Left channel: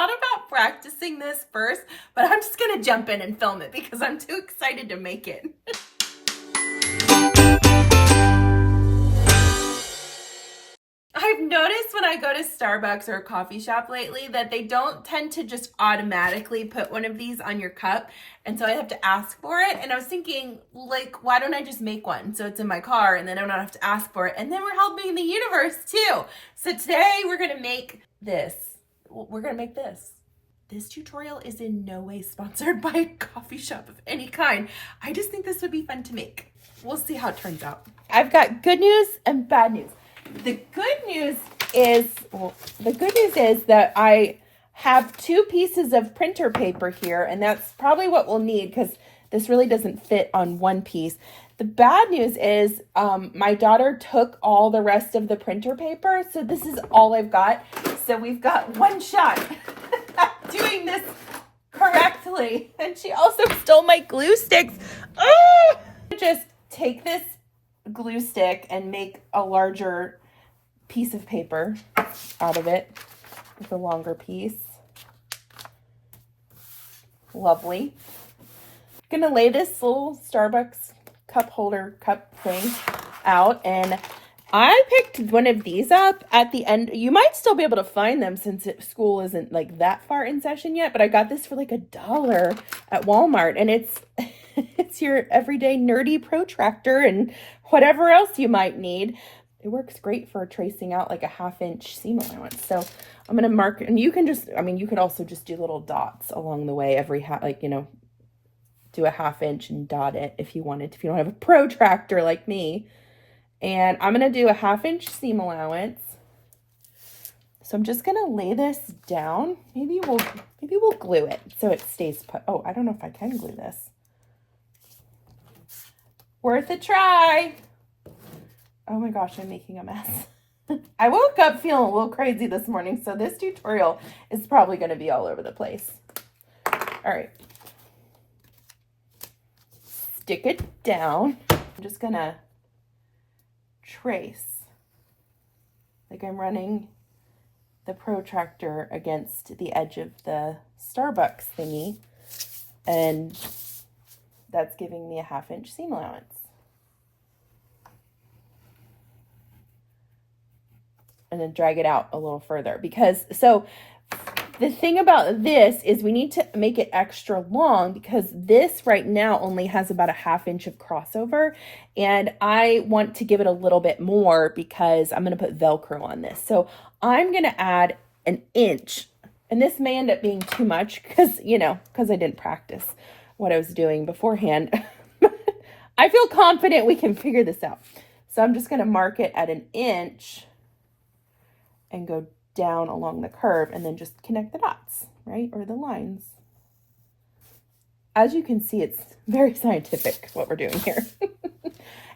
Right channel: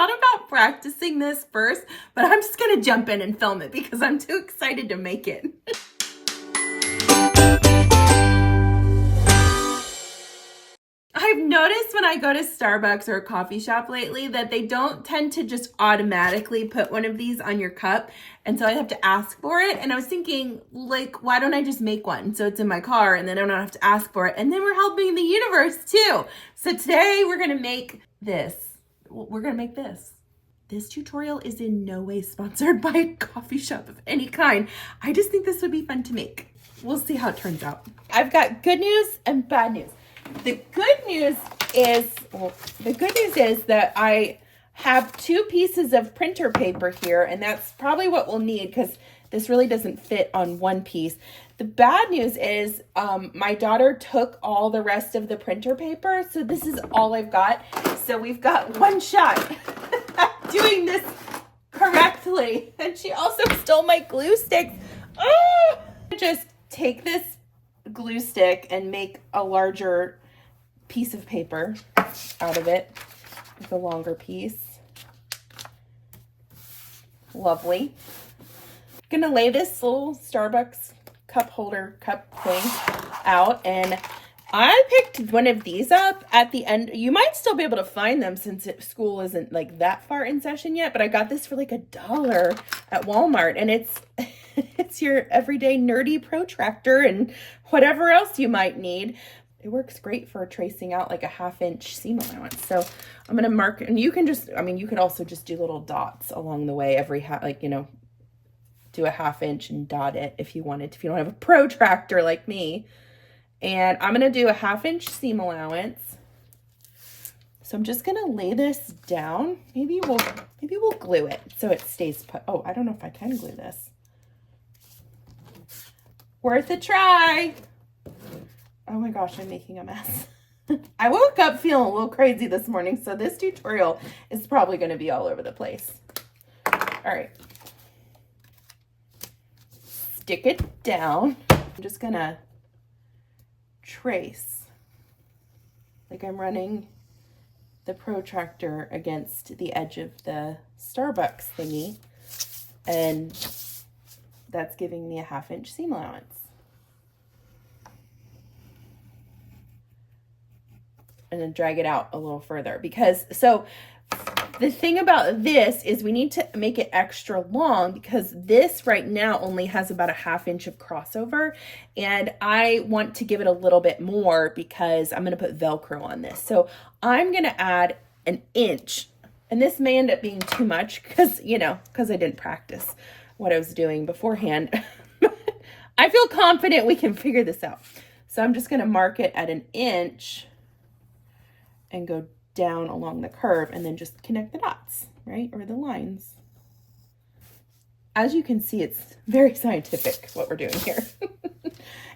thought about practicing this first, but I'm just gonna jump in and film it because I'm too excited to make it. I've noticed when I go to Starbucks or a coffee shop lately that they don't tend to just automatically put one of these on your cup. And so I have to ask for it. And I was thinking, like, why don't I just make one? So it's in my car and then I don't have to ask for it. And then we're helping the universe too. So today we're going to make this. We're going to make this. This tutorial is in no way sponsored by a coffee shop of any kind. I just think this would be fun to make. We'll see how it turns out. I've got good news and bad news. The good news is that I have 2 pieces of printer paper here, and that's probably what we'll need because this really doesn't fit on one piece. The bad news is my daughter took all the rest of the printer paper, so this is all I've got. So we've got one shot at doing this correctly. And she also stole my glue sticks. Just take this glue stick and make a larger piece of paper out of it with a longer piece. Lovely. Gonna lay this little Starbucks cup holder cup thing out, and I picked one of these up at the end. You might still be able to find them since school isn't like that far in session yet, but I got this for like $1 at Walmart, and it's it's your everyday nerdy protractor and whatever else you might need. It works great for tracing out like a 1/2 inch seam allowance. So I'm going to mark, and you can just, I mean, you could also just do little dots along the way every like, you know, do a 1/2 inch and dot it if you wanted to, if you don't have a protractor like me. And I'm going to do a 1/2 inch seam allowance. So I'm just going to lay this down. Maybe we'll glue it so it stays put. Oh, I don't know if I can glue this. Worth a try. Oh my gosh, I'm making a mess. I woke up feeling a little crazy this morning, so this tutorial is probably going to be all over the place. All right. Stick it down. I'm just going to trace like I'm running the protractor against the edge of the Starbucks thingy, and that's giving me a 1/2 inch seam allowance. And then drag it out a little further, because so the thing about this is we need to make it extra long because this right now only has about a 1/2 inch of crossover, and I want to give it a little bit more because I'm going to put Velcro on this. So I'm going to add 1 inch, and this may end up being too much because, you know, because I didn't practice what I was doing beforehand. I feel confident we can figure this out. So I'm just going to mark it at 1 inch and go down along the curve and then just connect the dots, right? Or the lines. As you can see, it's very scientific what we're doing here.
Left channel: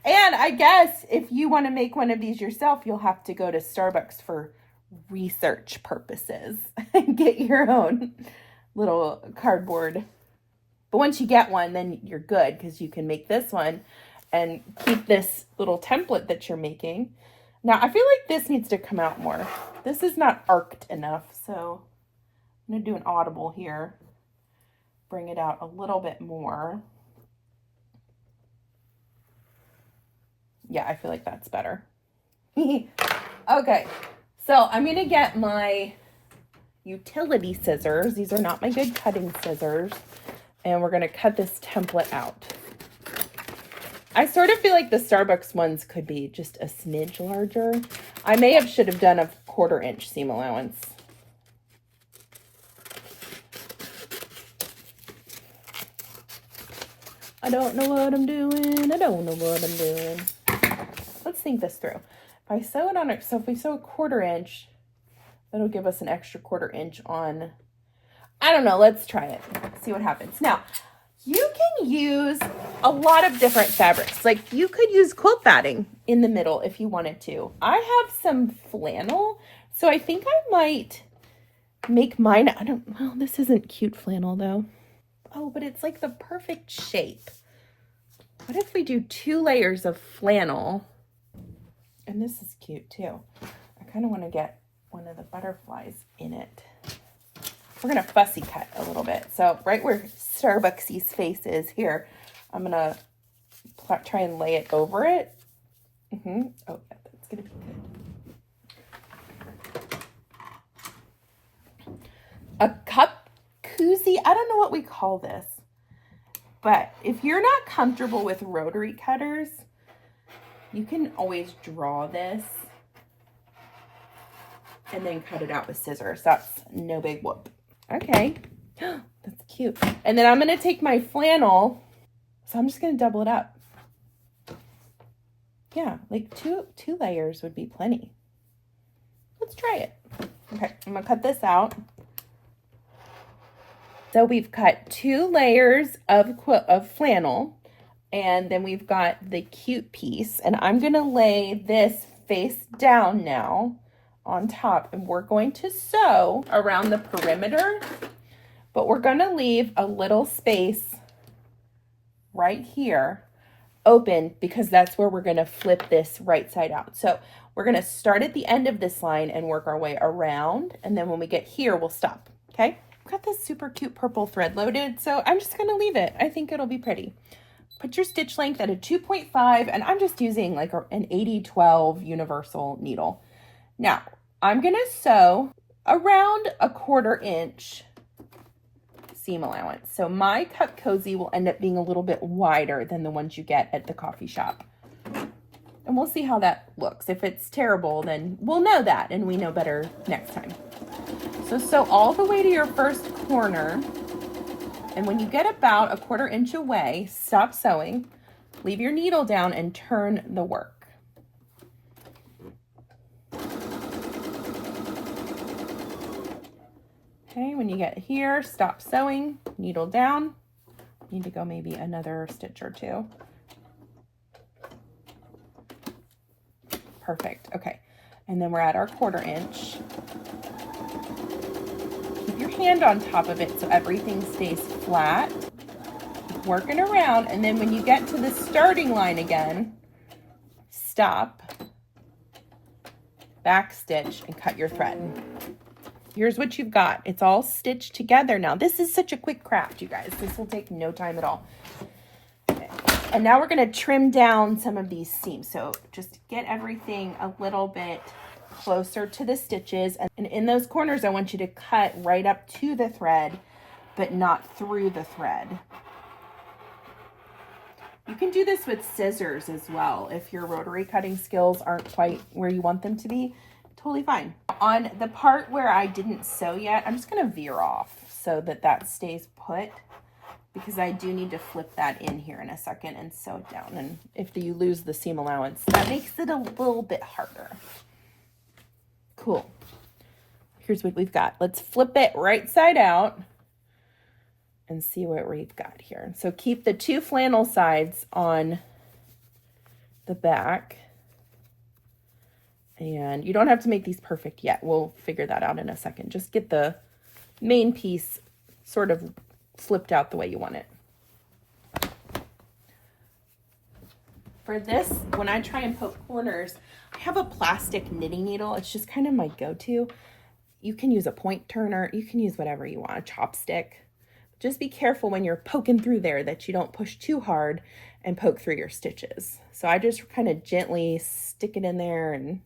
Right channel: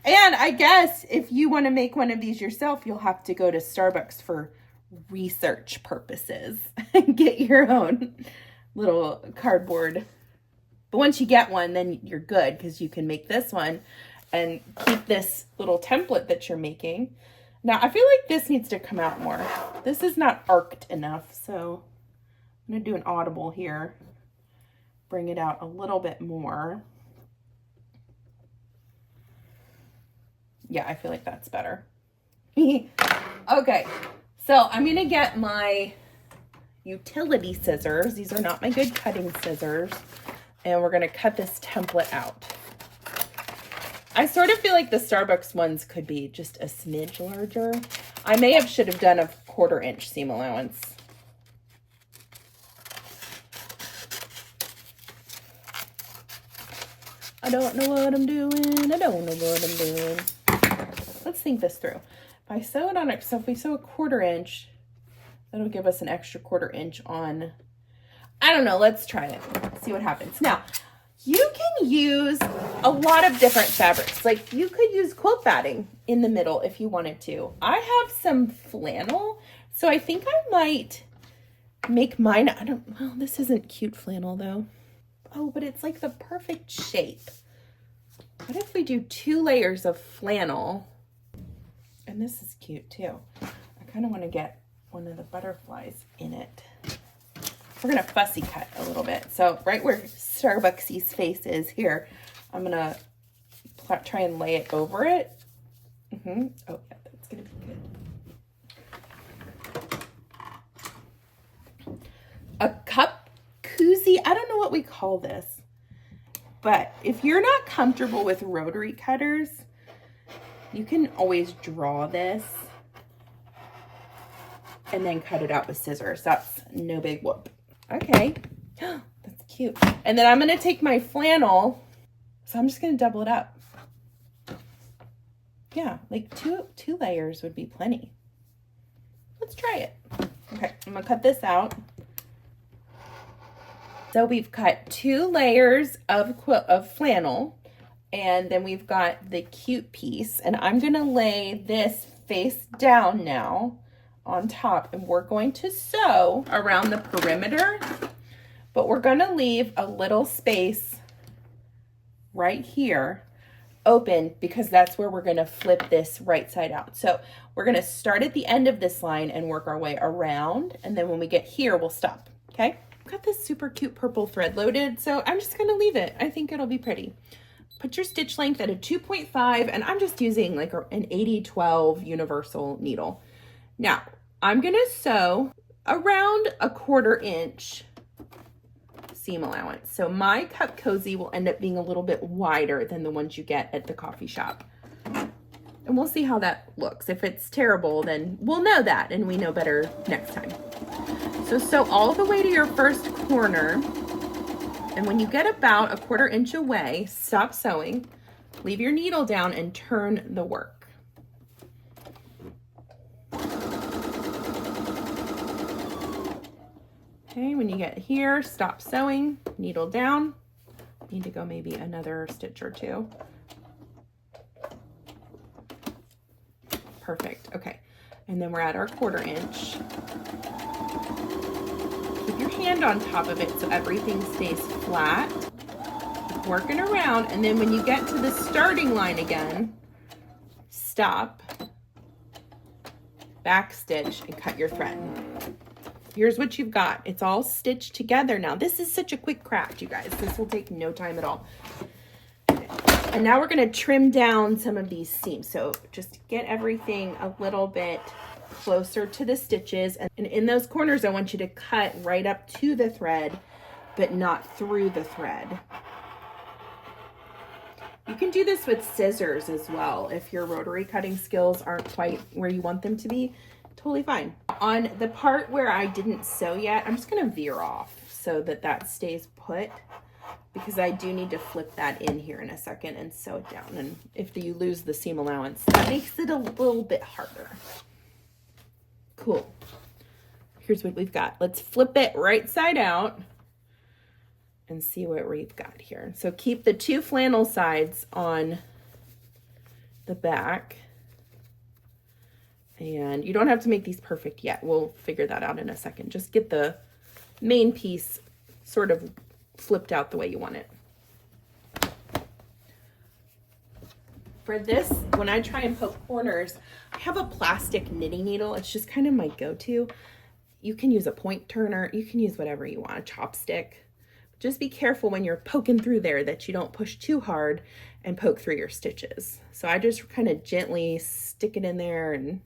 And I guess if you want to make one of these yourself, you'll have to go to Starbucks for research purposes and get your own little cardboard. But once you get one, then you're good because you can make this one and keep this little template that you're making. Now, I feel like this needs to come out more. This is not arced enough, so I'm going to do an audible here. Bring it out a little bit more. Yeah, I feel like that's better. Okay, so I'm going to get my utility scissors. These are not my good cutting scissors. And we're going to cut this template out. I sort of feel like the Starbucks ones could be just a smidge larger. I should have done a 1/4 inch seam allowance. I don't know what I'm doing. I don't know what I'm doing. Let's think this through. If I sew it on it, so if we sew a 1/4 inch, that'll give us an extra 1/4 inch on. I don't know. Let's try it. See what happens. Now, you can use a lot of different fabrics. Like you could use quilt batting in the middle if you wanted to. I have some flannel, so I think I might make mine. Well, this isn't cute flannel though. Oh, but it's like the perfect shape. What if we do 2 layers of flannel? And this is cute too. I kind of want to get one of the butterflies in it. we're gonna fussy cut a little bit. So right where Starbucksy's face is here, I'm gonna try and lay it over it. Oh, yeah, that's gonna be good. A cup koozie, I don't know what we call this, but if you're not comfortable with rotary cutters, you can always draw this and then cut it out with scissors. That's no big whoop. Okay, that's cute. And then I'm gonna take my flannel, so I'm just gonna double it up. Yeah, like two layers would be plenty. Let's try it. Okay, I'm gonna cut this out. So we've cut 2 layers of flannel, and then we've got the cute piece, and I'm gonna lay this face down now on top, and we're going to sew around the perimeter, but we're gonna leave a little space right here open because that's where we're gonna flip this right side out. So we're gonna start at the end of this line and work our way around, and then when we get here, we'll stop, okay? I've got this super cute purple thread loaded, so I'm just gonna leave it. I think it'll be pretty. Put your stitch length at a 2.5, and I'm just using like an 80-12 universal needle. Now, I'm gonna sew around a 1/4 inch seam allowance. So my cup cozy will end up being a little bit wider than the ones you get at the coffee shop. And we'll see how that looks. If it's terrible, then we'll know that and we know better next time. So sew all the way to your first corner. And when you get about a 1/4 inch away, stop sewing, leave your needle down and turn the work. Okay, when you get here, stop sewing, needle down. Need to go maybe another stitch or 2. Perfect, okay. And then we're at our 1/4 inch. Keep your hand on top of it so everything stays flat. Keep working around, and then when you get to the starting line again, stop, back stitch, and cut your thread. Here's what you've got. It's all stitched together now. This is such a quick craft, you guys. This will take no time at all. Okay. And now we're gonna trim down some of these seams. So just get everything a little bit closer to the stitches. And in those corners, I want you to cut right up to the thread, but not through the thread. You can do this with scissors as well if your rotary cutting skills aren't quite where you want them to be. Totally fine. On the part where I didn't sew yet, I'm just gonna veer off so that that stays put, because I do need to flip that in here in a second and sew it down. And if you lose the seam allowance, that makes it a little bit harder. Cool. Here's what we've got. Let's flip it right side out and see what we've got here. So keep the 2 flannel sides on the back. And you don't have to make these perfect yet. We'll figure that out in a second. Just get the main piece sort of flipped out the way you want it. For this, when I try and poke corners, I have a plastic knitting needle. It's just kind of my go-to. You can use a point turner. You can use whatever you want, a chopstick. Just be careful when you're poking through there that you don't push too hard and poke through your stitches. So I just kind of gently stick it in there and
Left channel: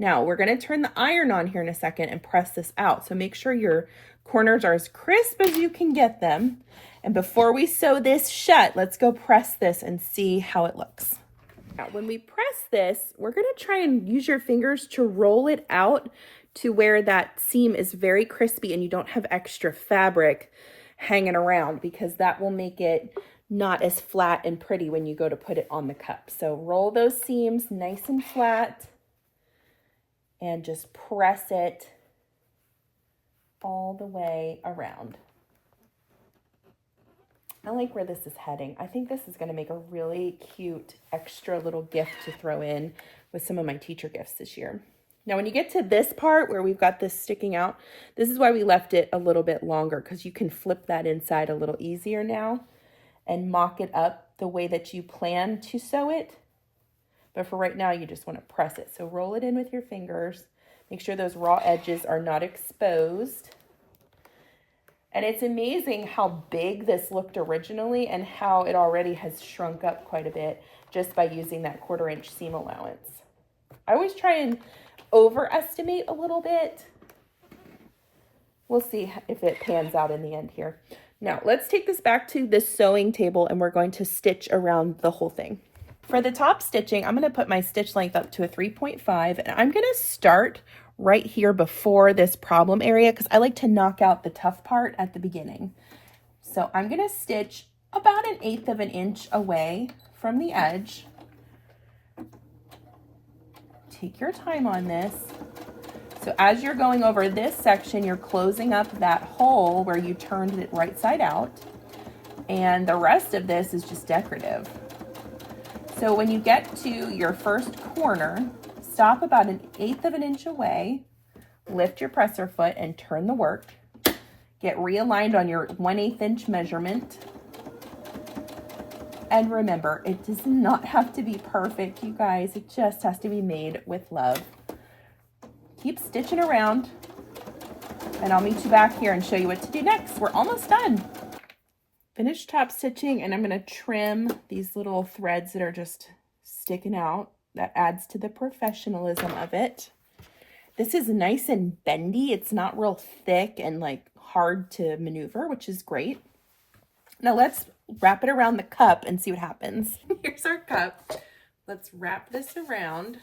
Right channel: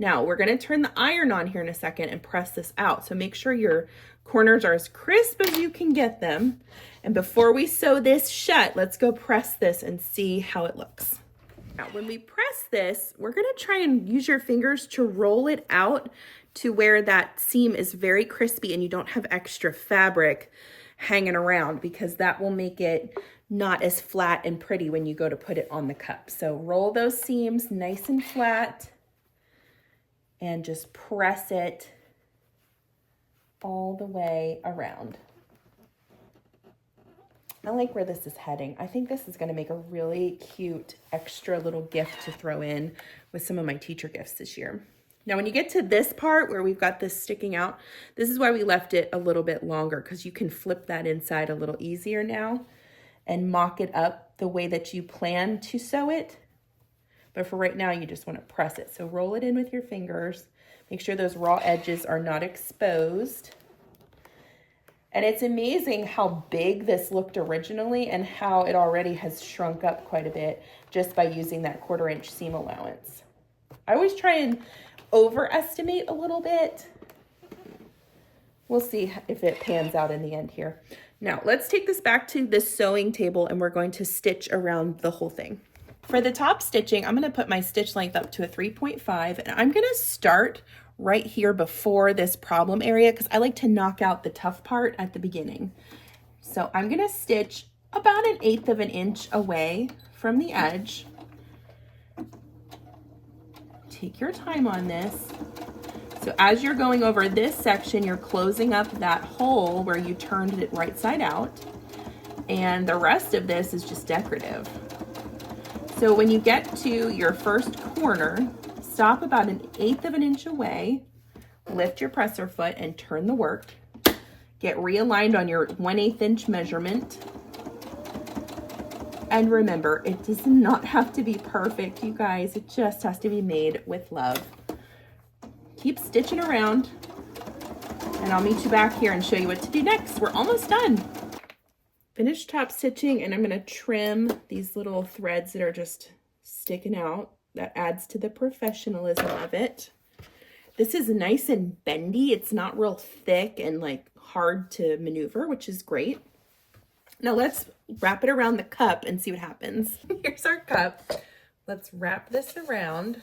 now we're going to turn the iron on here in a second and press this out. So make sure your corners are as crisp as you can get them. And before we sew this shut, let's go press this and see how it looks. Now, when we press this, we're going to try and use your fingers to roll it out to where that seam is very crispy and you don't have extra fabric hanging around, because that will make it not as flat and pretty when you go to put it on the cup. So roll those seams nice and flat and just press it all the way around. I like where this is heading. I think this is going to make a really cute extra little gift to throw in with some of my teacher gifts this year. Now, when you get to this part where we've got this sticking out, this is why we left it a little bit longer, because you can flip that inside a little easier now and mock it up the way that you plan to sew it. But for right now, you just want to press it. So roll it in with your fingers. Make sure those raw edges are not exposed. And it's amazing how big this looked originally and how it already has shrunk up quite a bit just by using that 1/4 inch seam allowance. I always try and overestimate a little bit. We'll see if it pans out in the end here. Now let's take this back to the sewing table and we're going to stitch around the whole thing. For the top stitching, I'm going to put my stitch length up to a 3.5 and I'm going to start right here before this problem area because I like to knock out the tough part at the beginning. So I'm going to stitch about 1/8 of an inch away from the edge. Take your time on this. So as you're going over this section, you're closing up that hole where you turned it right side out. And the rest of this is just decorative. So when you get to your first corner, stop about 1/8 of an inch away, lift your presser foot and turn the work. Get realigned on your 1/8 inch measurement. And remember, it does not have to be perfect, you guys. It just has to be made with love. Keep stitching around and I'll meet you back here and show you what to do next. We're almost done. Finished top stitching and I'm going to trim these little threads that are just sticking out. That adds to the professionalism of it. This is nice and bendy. It's not real thick and like hard to maneuver, which is great. Now let's wrap it around the cup and see what happens. Here's our cup. Let's wrap this around.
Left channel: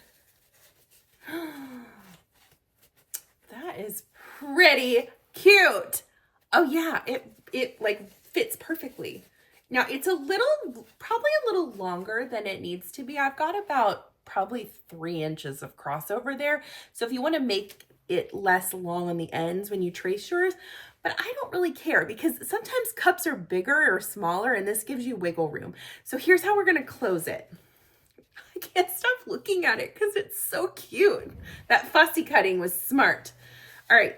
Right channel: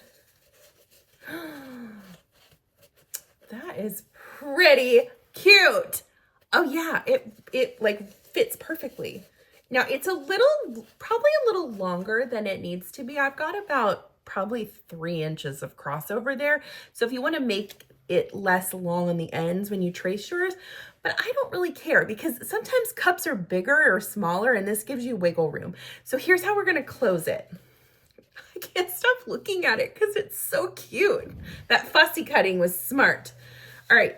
That is pretty cute. Oh yeah, it like fits perfectly. Now it's probably a little longer than it needs to be. I've got about probably 3 inches of crossover there. So if you want to make it less long on the ends when you trace yours, but I don't really care because sometimes cups are bigger or smaller and this gives you wiggle room. So here's how we're going to close it. I can't stop looking at it because it's so cute. That fussy cutting was smart. All right.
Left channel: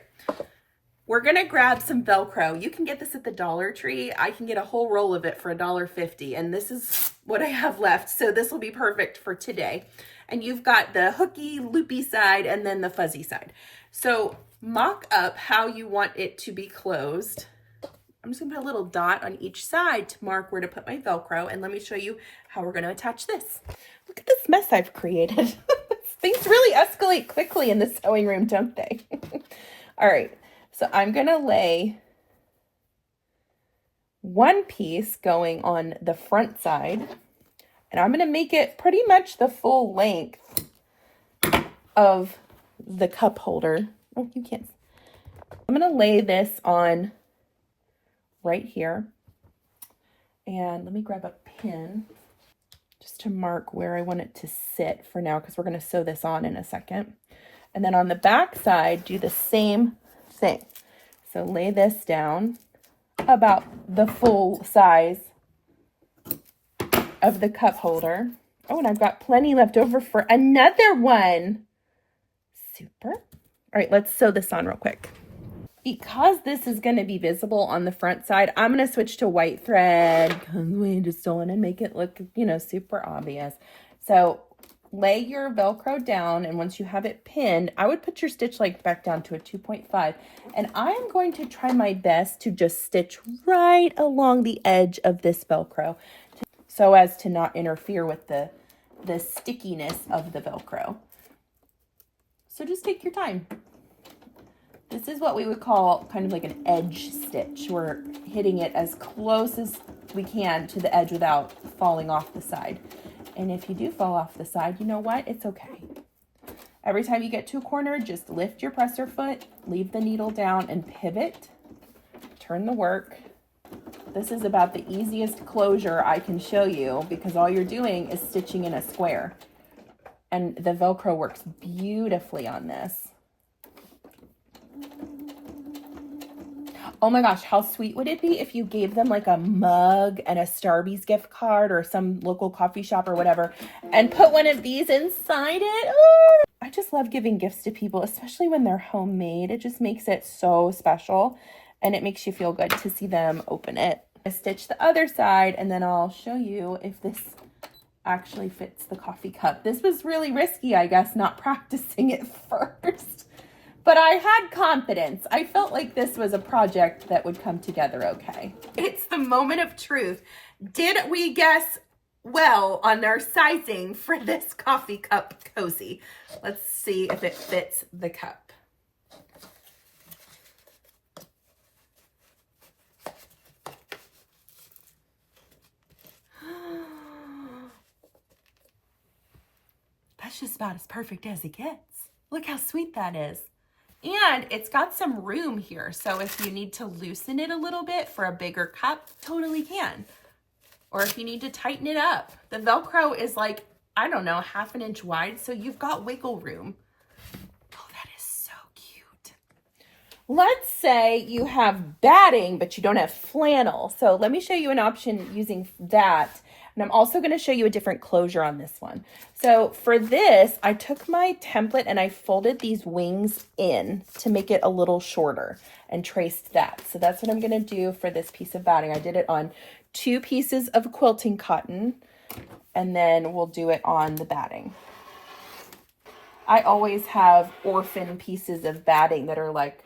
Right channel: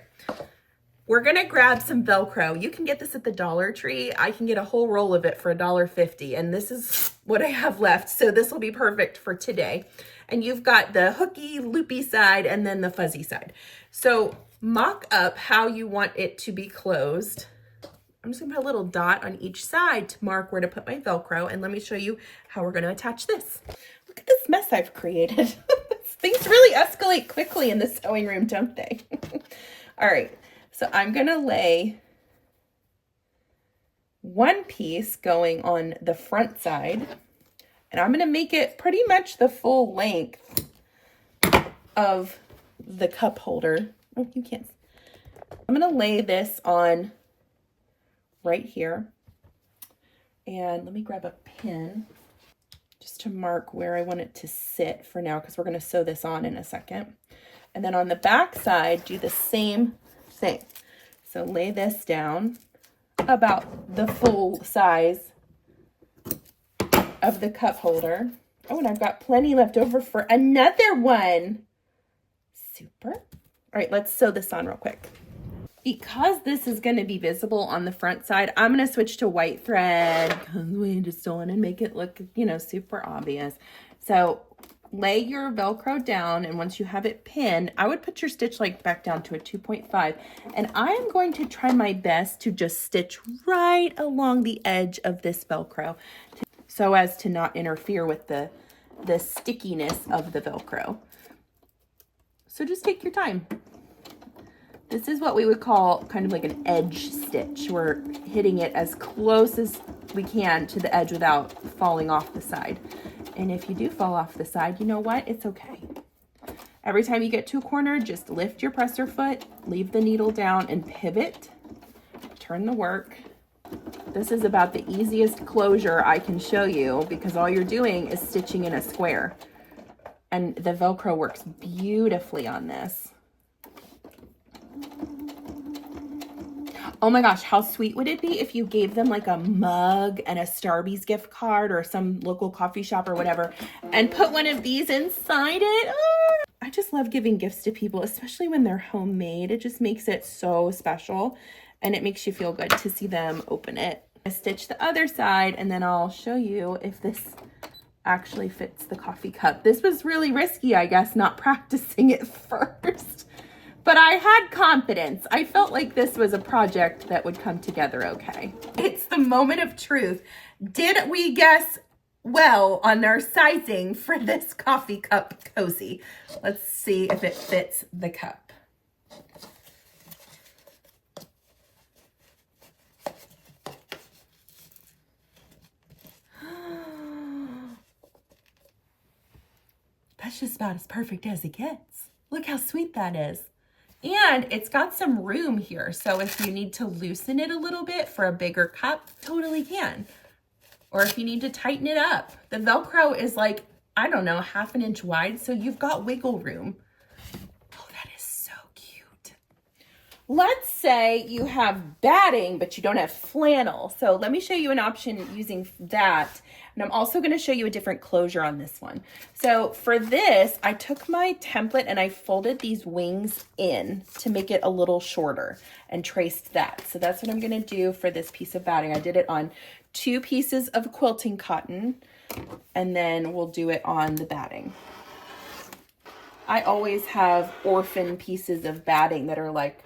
We're going to grab some Velcro. You can get this at the Dollar Tree. I can get a whole roll of it for $1.50, and this is what I have left. So this will be perfect for today. And you've got the hooky, loopy side and then the fuzzy side. So mock up how you want it to be closed. I'm just going to put a little dot on each side to mark where to put my Velcro. And let me show you how we're going to attach this. Look at this mess I've created. Things really escalate quickly in the sewing room, don't they? All right. So I'm going to lay one piece going on the front side, and I'm going to make it pretty much the full length of the cup holder. Oh, you can't. I'm going to lay this on right here, and let me grab a pin just to mark where I want it to sit for now, because we're going to sew this on in a second. And then on the back side, do the same thing. So lay this down about the full size of the cup holder. Oh, and I've got plenty left over for another one. Super. All right, let's sew this on real quick. Because this is going to be visible on the front side, I'm going to switch to white thread because we just don't want to make it look, super obvious. So lay your Velcro down, and once you have it pinned, I would put your stitch length back down to a 2.5. And I am going to try my best to just stitch right along the edge of this Velcro so as to not interfere with the stickiness of the Velcro. So just take your time. This is what we would call kind of like an edge stitch. We're hitting it as close as we can to the edge without falling off the side. And if you do fall off the side, you know what? It's okay. Every time you get to a corner, just lift your presser foot, leave the needle down and pivot. Turn the work. This is about the easiest closure I can show you because all you're doing is stitching in a square. And the Velcro works beautifully on this. Oh my gosh, how sweet would it be if you gave them like a mug and a Starbucks gift card or some local coffee shop or whatever and put one of these inside it? Oh, I just love giving gifts to people, especially when they're homemade. It just makes it so special and it makes you feel good to see them open it. I stitch the other side and then I'll show you if this actually fits the coffee cup. This was really risky, I guess, not practicing it first. but I had confidence. I felt like this was a project that would come together okay. It's the moment of truth. Did we guess well on our sizing for this coffee cup cozy? Let's see if it fits the cup. That's just about as perfect as it gets. Look how sweet that is. And it's got some room here. So if you need to loosen it a little bit for a bigger cup, totally can. Or if you need to tighten it up. The Velcro is like, I don't know, 1/2 inch wide. So you've got wiggle room. Oh, that is so cute. Let's say you have batting, but you don't have flannel. So let me show you an option using that. And I'm also going to show you a different closure on this one. So for this, I took my template and I folded these wings in to make it a little shorter and traced that. So that's what I'm going to do for this piece of batting. I did it on 2 pieces of quilting cotton, and then we'll do it on the batting. I always have orphan pieces of batting that are like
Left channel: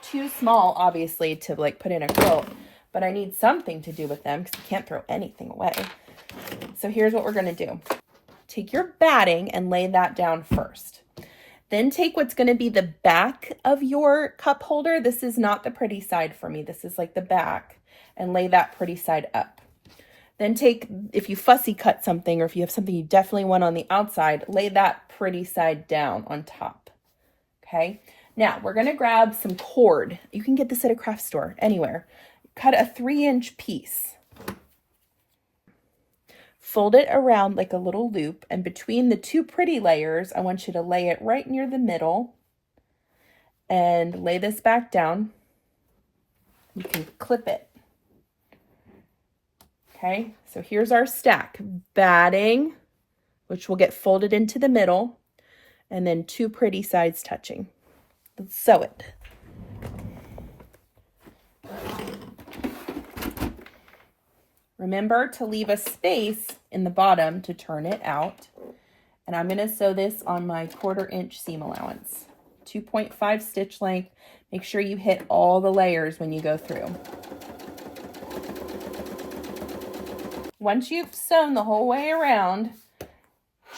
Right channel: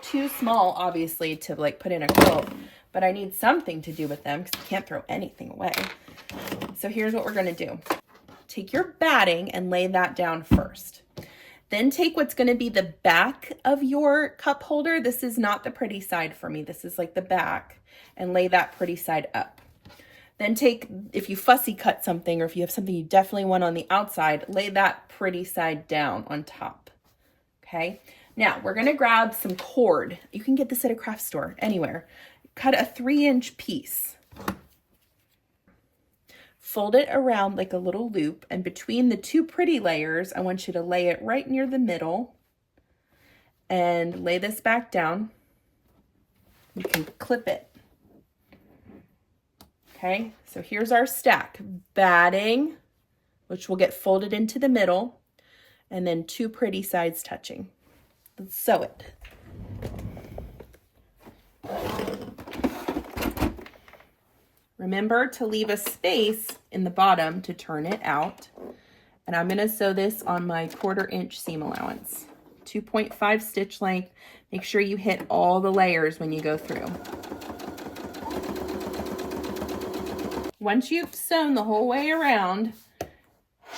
too small, obviously, to like put in a quilt, but I need something to do with them because I can't throw anything away. So here's what we're going to do. Take your batting and lay that down first. Then take what's going to be the back of your cup holder. This is not the pretty side for me. This is like the back, and lay that pretty side up. Then take, if you fussy cut something or if you have something you definitely want on the outside, lay that pretty side down on top. Okay. Now we're going to grab some cord. You can get this at a craft store, anywhere. Cut a 3-inch piece. Fold it around like a little loop, and between the 2 pretty layers, I want you to lay it right near the middle and lay this back down. You can clip it. Okay, so here's our stack. Batting, which will get folded into the middle, and then 2 pretty sides touching. Let's sew it. Remember to leave a space in the bottom to turn it out. And I'm going to sew this on my 1/4 inch seam allowance. 2.5 stitch length. Make sure you hit all the layers when you go through. Once you've sewn the whole way around,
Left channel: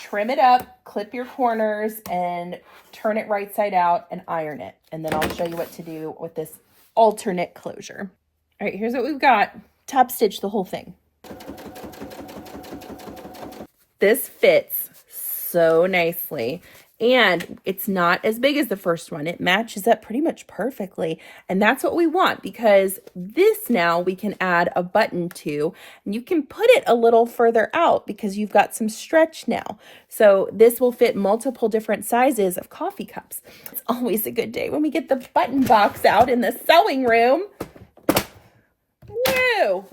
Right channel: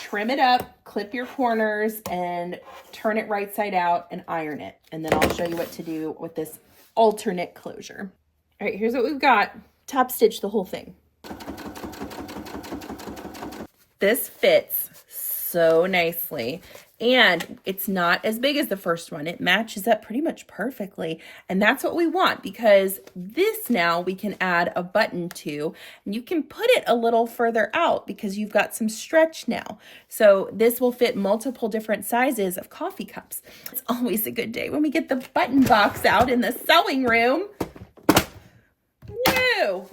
trim it up, clip your corners, and turn it right side out and iron it. And then I'll show you what to do with this alternate closure. All right, here's what we've got. Top stitch the whole thing. This fits so nicely, and it's not as big as the first one. It matches up pretty much perfectly, and that's what we want, because this now we can add a button to, and you can put it a little further out because you've got some stretch now. So this will fit multiple different sizes of coffee cups. It's always a good day when we get the button box out in the sewing room. Woo!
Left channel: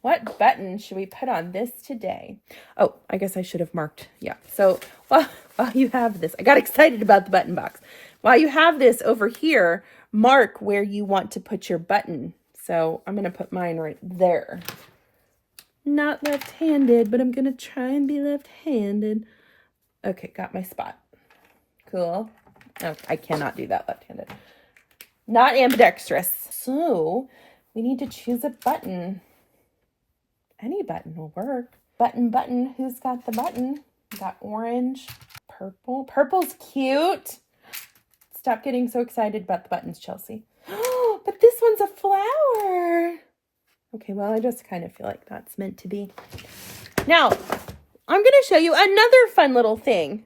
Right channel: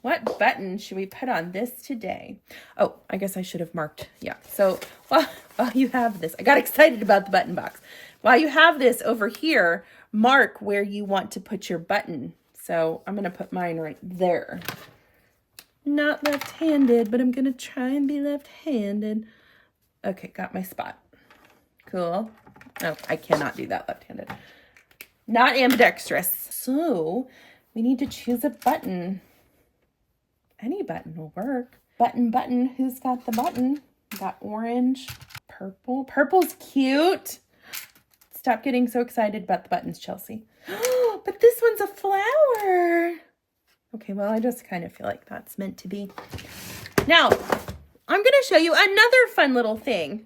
What button should we put on this today? Oh, I guess I should have marked. Yeah. So while you have this, I got excited about the button box. While you have this over here, mark where you want to put your button. So I'm going to put mine right there. Not left-handed, but I'm going to try and be left-handed. Okay, got my spot. Cool. Oh, I cannot do that left-handed. Not ambidextrous. So we need to choose a button. Any button will work. Button, who's got the button? Got orange, purple. Purple's cute. Stop getting so excited about the buttons, Chelsea. But this one's a flower. Okay, well, I just kind of feel like that's meant to be. Now, I'm going to show you another fun little thing.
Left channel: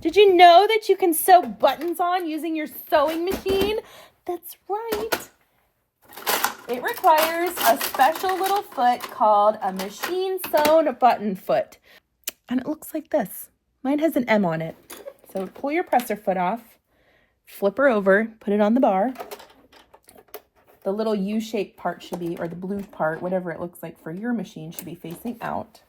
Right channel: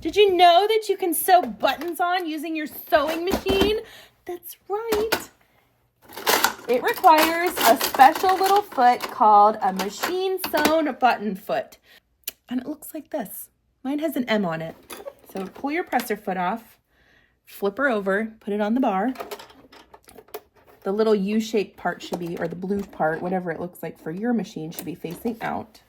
Did you know that you can sew buttons on using your sewing machine? That's right. It requires a special little foot called a machine sewn button foot. And it looks like this. Mine has an M on it. So pull your presser foot off, flip her over, put it on the bar. The little U-shaped part should be, or the blue part, whatever it looks like for your machine, should be facing out.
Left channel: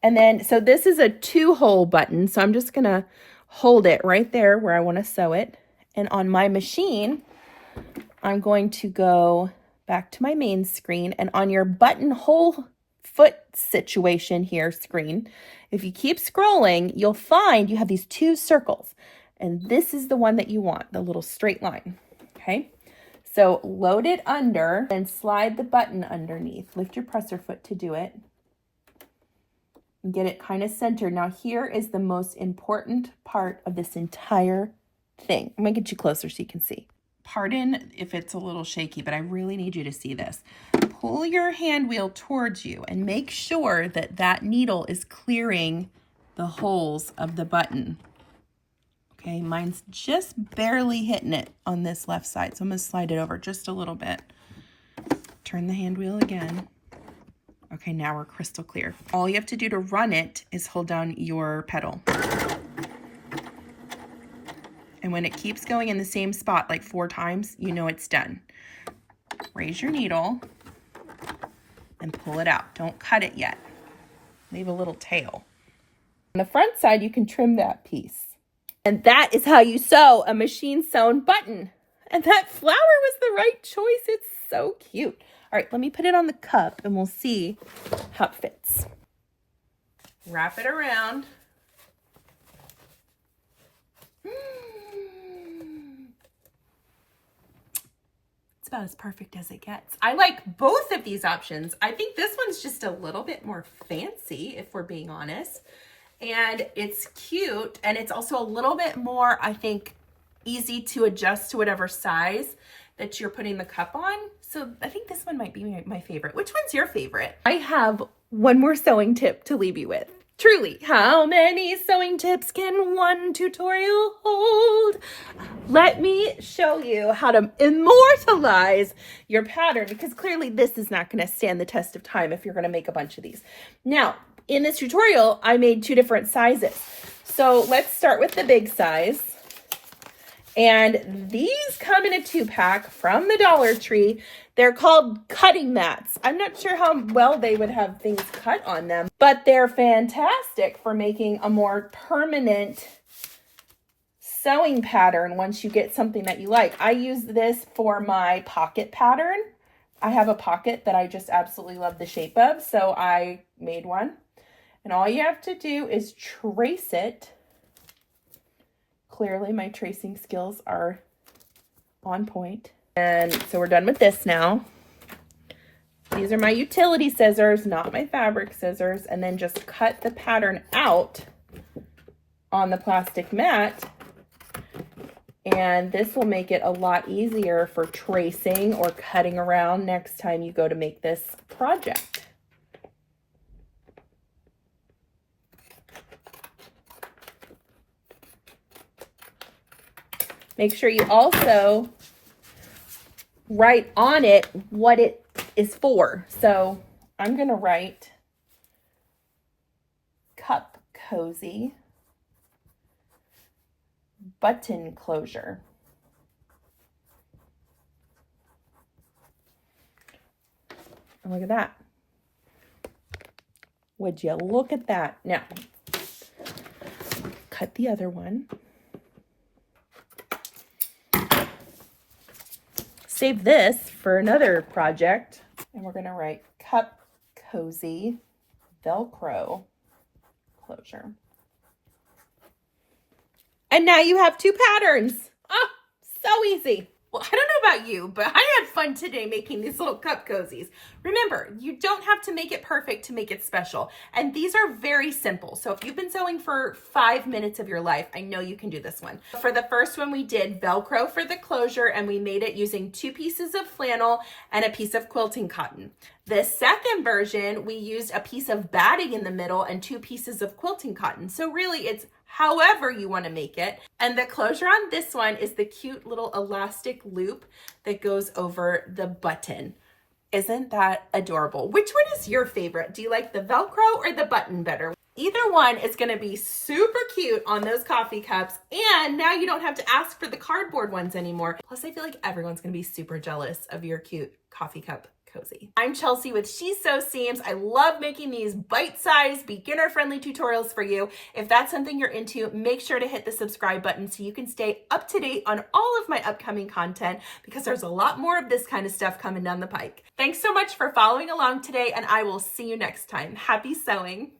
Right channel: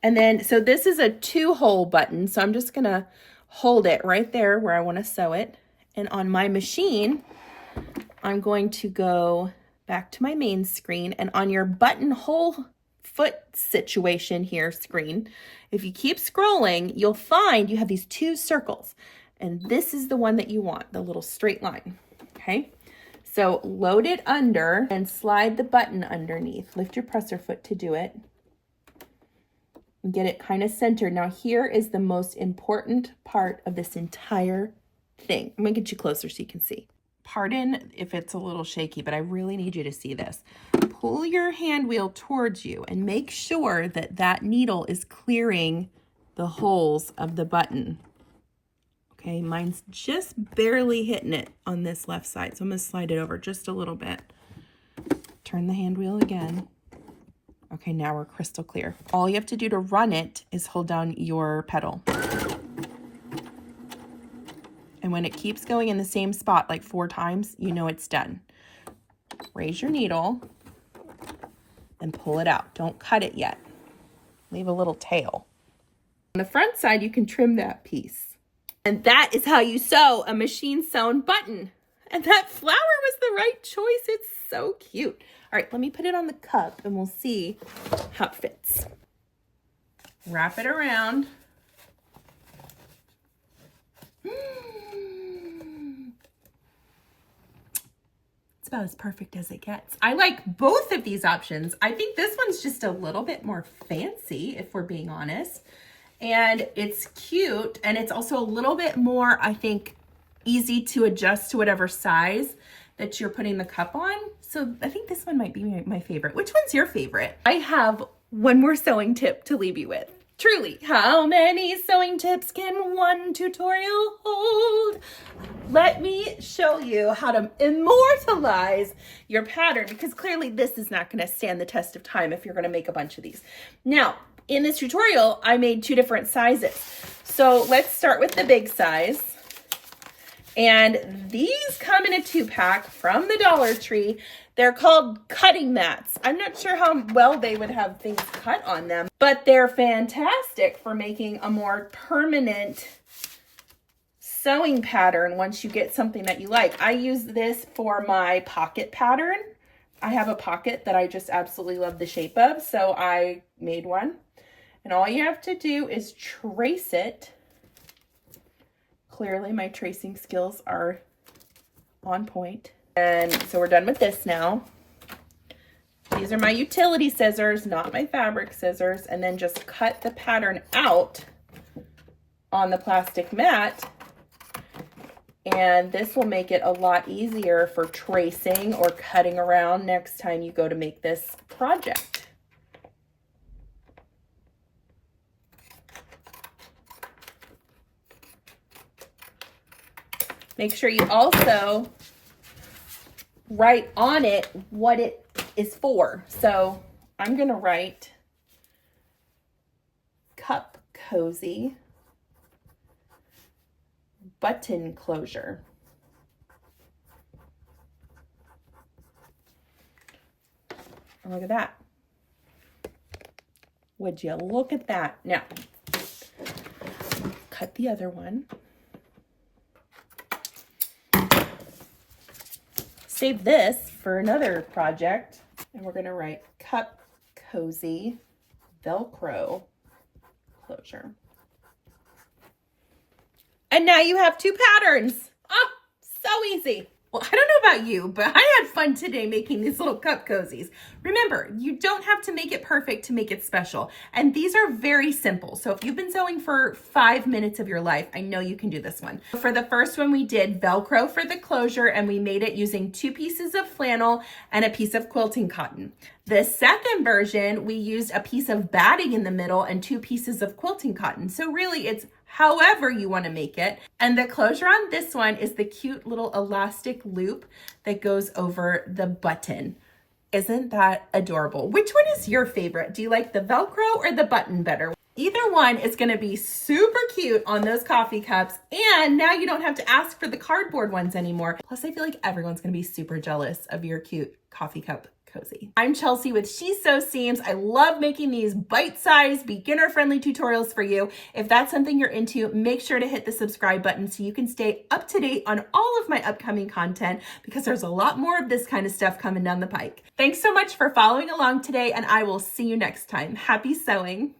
And then, so this is a 2-hole button. So I'm just going to hold it right there where I want to sew it. And on my machine, I'm going to go back to my main screen, and on your buttonhole foot situation here screen, if you keep scrolling, you'll find you have these 2 circles, And this is the one that you want, the little straight line, okay? So load it under and slide the button underneath. Lift your presser foot to do it. And get it kind of centered. Now here is the most important part of this entire thing. I'm gonna get you closer so you can see. Pardon if it's a little shaky, but I really need you to see this. Pull your hand wheel towards you and make sure that that needle is clearing the holes of the button. Okay, mine's just barely hitting it on this left side, so I'm gonna slide it over just a little bit. Turn the hand wheel again. Okay, now we're crystal clear. All you have to do to run it is hold down your pedal. And when it keeps going in the same spot like 4 times, you know it's done. Raise your needle and pull it out. Don't cut it yet. Leave a little tail. On the front side, you can trim that piece. And that is how you sew a machine sewn button. And that flower was the right choice. It's so cute. All right, let me put it on the cup and we'll see how it fits. Wrap it around. It's about as perfect as it gets. I like both of these options. I think this one's just a little bit more fancy, if we're being honest. And it's cute, and it's also a little bit more, I think, easy to adjust to whatever size that you're putting the cup on. So I think this one might be my favorite. Which one's your favorite? I have one more sewing tip to leave you with. Truly, how many sewing tips can one tutorial hold? Let me show you how to immortalize your pattern, because clearly this is not going to stand the test of time if you're going to make a bunch of these. Now, in this tutorial, I made 2 different sizes. So let's start with the big size. And these come in a 2-pack from the Dollar Tree. They're called cutting mats. I'm not sure how well they would have things cut on them, but they're fantastic for making a more permanent sewing pattern once you get something that you like. I use this for my pocket pattern. I have a pocket that I just absolutely love the shape of, so I made one. And all you have to do is trace it. Clearly my tracing skills are on point. And so we're done with this now. These are my utility scissors, not my fabric scissors. And then just cut the pattern out on the plastic mat. And this will make it a lot easier for tracing or cutting around next time you go to make this project. Make sure you also write on it what it is for. So I'm going to write cup cozy button closure. And look at that. Would you look at that? Now, cut the other one. Save this for another project. And we're going to write cup cozy Velcro closure. And now you have 2 patterns. Oh, so easy. Well, I don't know about you, but I had fun today making these little cup cozies. Remember, you don't have to make it perfect to make it special. And these are very simple. So if you've been sewing for 5 minutes of your life, I know you can do this one. For the first one, we did Velcro for the closure, and we made it using 2 pieces of flannel and a piece of quilting cotton. The second version, we used a piece of batting in the middle and 2 pieces of quilting cotton. So really it's however you want to make it. And the closure on this one is the cute little elastic loop that goes over the button. Isn't that adorable? Which one is your favorite? Do you like the Velcro or the button better? Either one is going to be super cute on those coffee cups, and now you don't have to ask for the cardboard ones anymore. Plus, I feel like everyone's going to be super jealous of your cute coffee cup cozy. I'm Chelsea with She Sews Seams. I love making these bite-sized, beginner-friendly tutorials for you. If that's something you're into, make sure to hit the subscribe button so you can stay up to date on all of my upcoming content, because there's a lot more of this kind of stuff coming down the pike. Thanks so much for following along today, and I will see you next time. Happy sewing!